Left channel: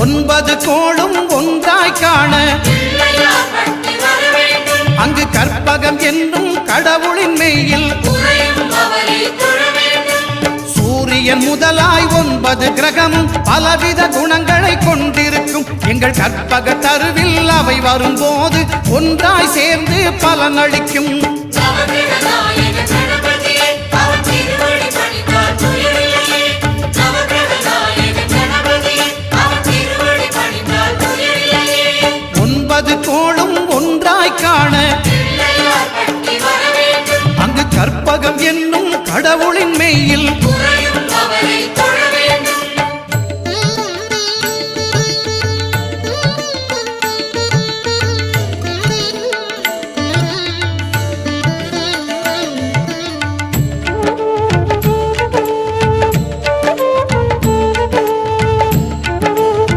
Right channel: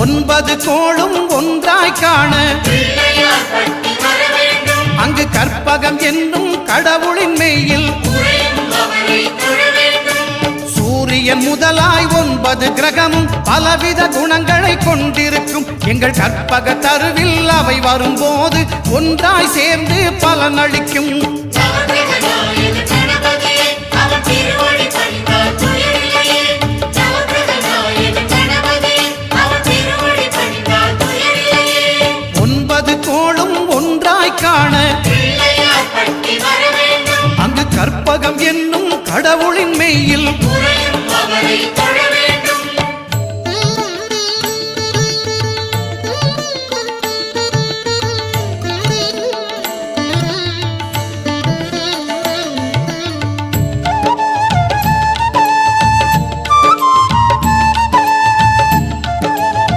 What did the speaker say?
9 கோளும் ஒன்றாய் காண அங்கு கற்பகம் என்னும் கடவுளின் மெய்யில் சூரியன் முதலாய் 9 கிரகமும் பலவித குணங்களை கொண்டிருக்கும் எங்கள் கற்பக தருவில் அவை வரும்போது ஒன்றாய் சேர்ந்து பலனளிக்கும். கோளும் ஒன்றாய் காண அங்கு கற்பகம் என்னும் கடவுளின் மெய்யில்